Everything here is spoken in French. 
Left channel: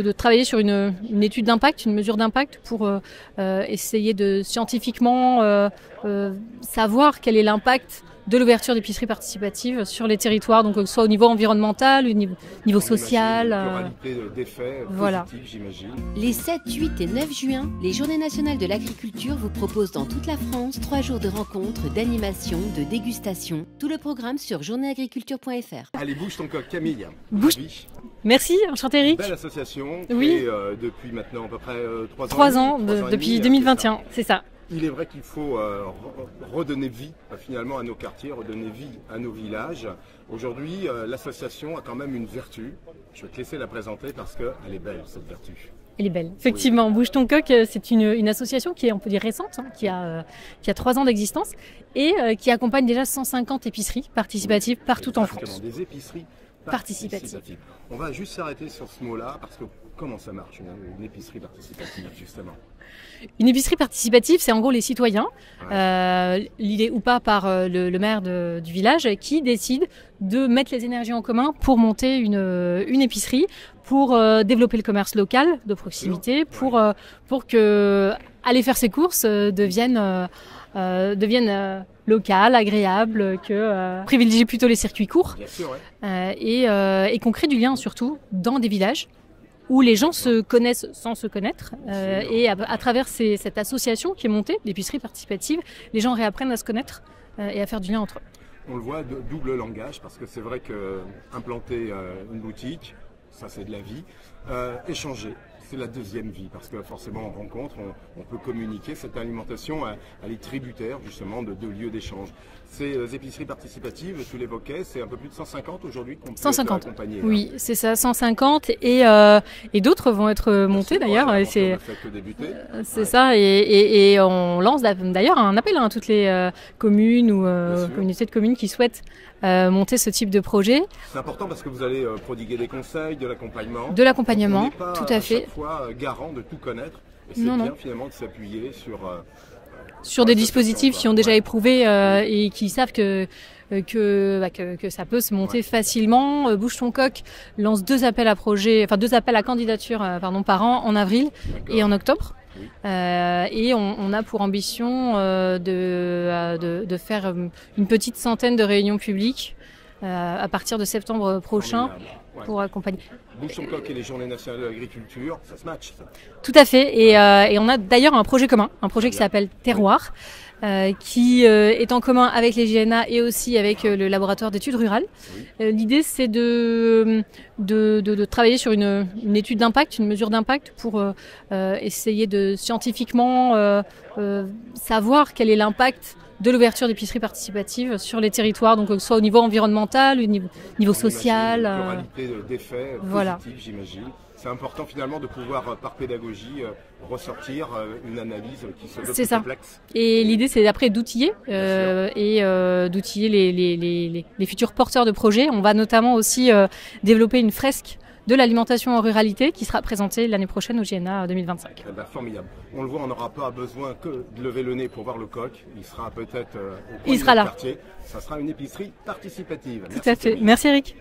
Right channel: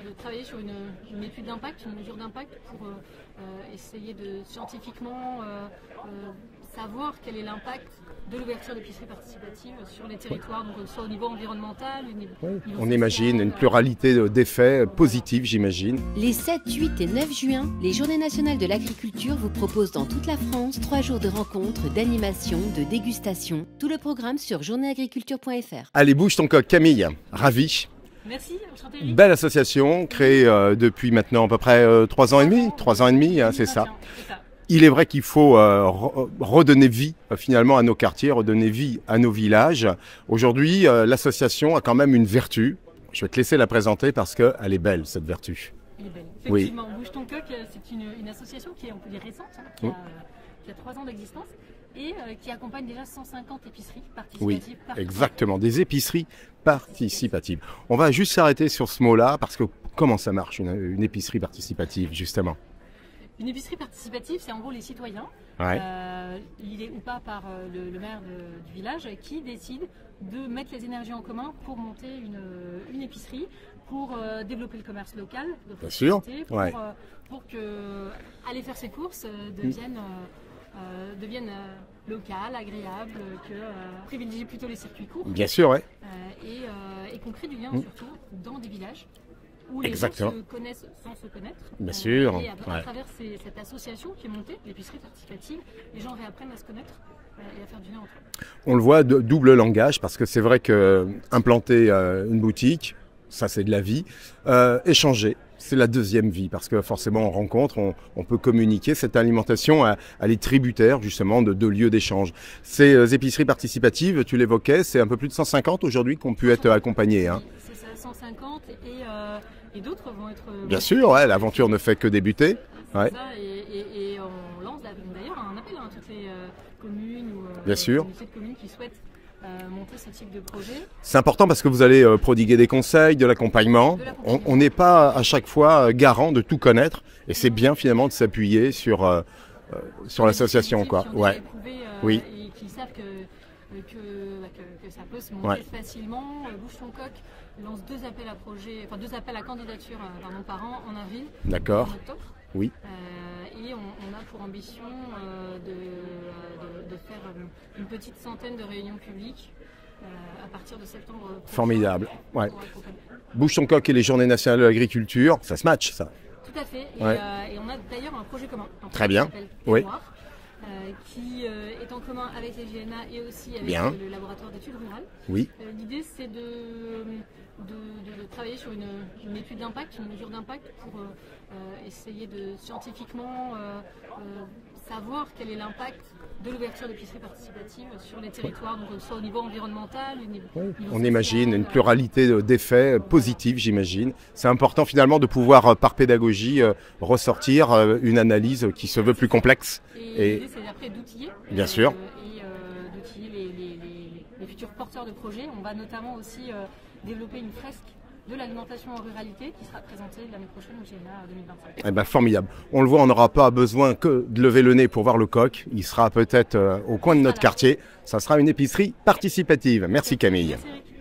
de travailler sur une étude d'impact, une mesure d'impact pour essayer de scientifiquement savoir quel est l'impact de l'ouverture d'épiceries participatives sur les territoires, donc soit au niveau environnemental, au niveau social. On imagine une pluralité d'effets positifs, j'imagine. Les 7, 8 et 9 juin, les Journées nationales de l'agriculture vous proposent dans toute la France 3 jours de rencontres, d'animation, de dégustation. Tout le programme sur journéeagriculture.fr. Allez, bouge ton coq, Camille. Ravi. Merci, enchanté Eric. Belle association, créée depuis maintenant à peu près 3 ans et demi. 3 ans et demi, depuis 2021, c'est ça. Il est vrai qu'il faut redonner vie finalement à nos quartiers, redonner vie à nos villages. Aujourd'hui, l'association a quand même une vertu. Je vais te laisser la présenter parce qu'elle est belle, cette vertu. Elle est belle, effectivement. Oui. Bouge ton coq, c'est une association qui est, on peut dire, récente, qui a 3 ans d'existence et qui accompagne déjà 150 épiceries participatives partout en France. Exactement, des épiceries participatives. On va juste s'arrêter sur ce mot-là parce que comment ça marche une épicerie participative, justement? Une épicerie participative, c'est en gros les citoyens, l'idée ou pas par le maire du village, qui décident de mettre les énergies en commun pour monter une épicerie, pour développer le commerce local de proximité, pour que aller faire ses courses devienne local, agréable, que privilégier plutôt les circuits courts. Bien sûr, et qu'on crée du lien surtout dans des villages où les gens se connaissent sans se connaître. Et à travers cette association qui est montée, l'épicerie participative, les gens réapprennent à se connaître et à faire du lien entre eux. On le voit, double langage, parce que c'est vrai qu'implanter une boutique, ça c'est de la vie. Échanger, c'est la deuxième vie, parce que forcément on rencontre, on peut communiquer. Cette alimentation, elle est tributaire justement de lieux d'échange. Ces épiceries participatives, tu l'évoquais, c'est un peu plus de 150 aujourd'hui qu'on peut être accompagnés. Oui, c'est ça, 150 et d'autres vont être montées d'ailleurs. L'aventure ne fait que débuter. C'est ça, et on lance d'ailleurs un appel à toutes les communes ou communautés de communes qui souhaitent monter ce type de projet. C'est important parce que vous allez prodiguer des conseils, de l'accompagnement. On n'est pas à chaque fois garant de tout connaître et c'est bien finalement de s'appuyer sur des dispositifs qui ont déjà éprouvé et qui savent que ça peut se monter facilement. Bouge ton coq lance 2 appels à candidature par an en avril et en octobre. Oui. Et on a pour ambition de faire une petite centaine de réunions publiques à partir de septembre prochain. Formidable. Pour accompagner. Bouge ton coq et les Journées nationales de l'agriculture, ça se match ça. Tout à fait. Et on a d'ailleurs un projet commun, qui s'appelle Terroir. Qui est en commun avec les JNA et aussi avec le laboratoire d'études rurales. Oui. L'idée, c'est de travailler sur une étude d'impact, une mesure d'impact pour essayer de scientifiquement savoir quel est l'impact de l'ouverture d'épiceries participatives sur les territoires, donc soit au niveau environnemental, au niveau social. On imagine une pluralité d'effets positifs, j'imagine. C'est important finalement de pouvoir, par pédagogie, ressortir une analyse qui se veut plus complexe. Et l'idée, c'est après d'outiller d'outiller les futurs porteurs de projets. On va notamment aussi développer une fresque de l'alimentation en ruralité qui sera présentée l'année prochaine au JNA 2025. Formidable. On le voit, on n'aura pas besoin que de lever le nez pour voir le coq. Il sera peut-être au coin de notre quartier. Ça sera une épicerie participative. Merci Camille. Merci Eric.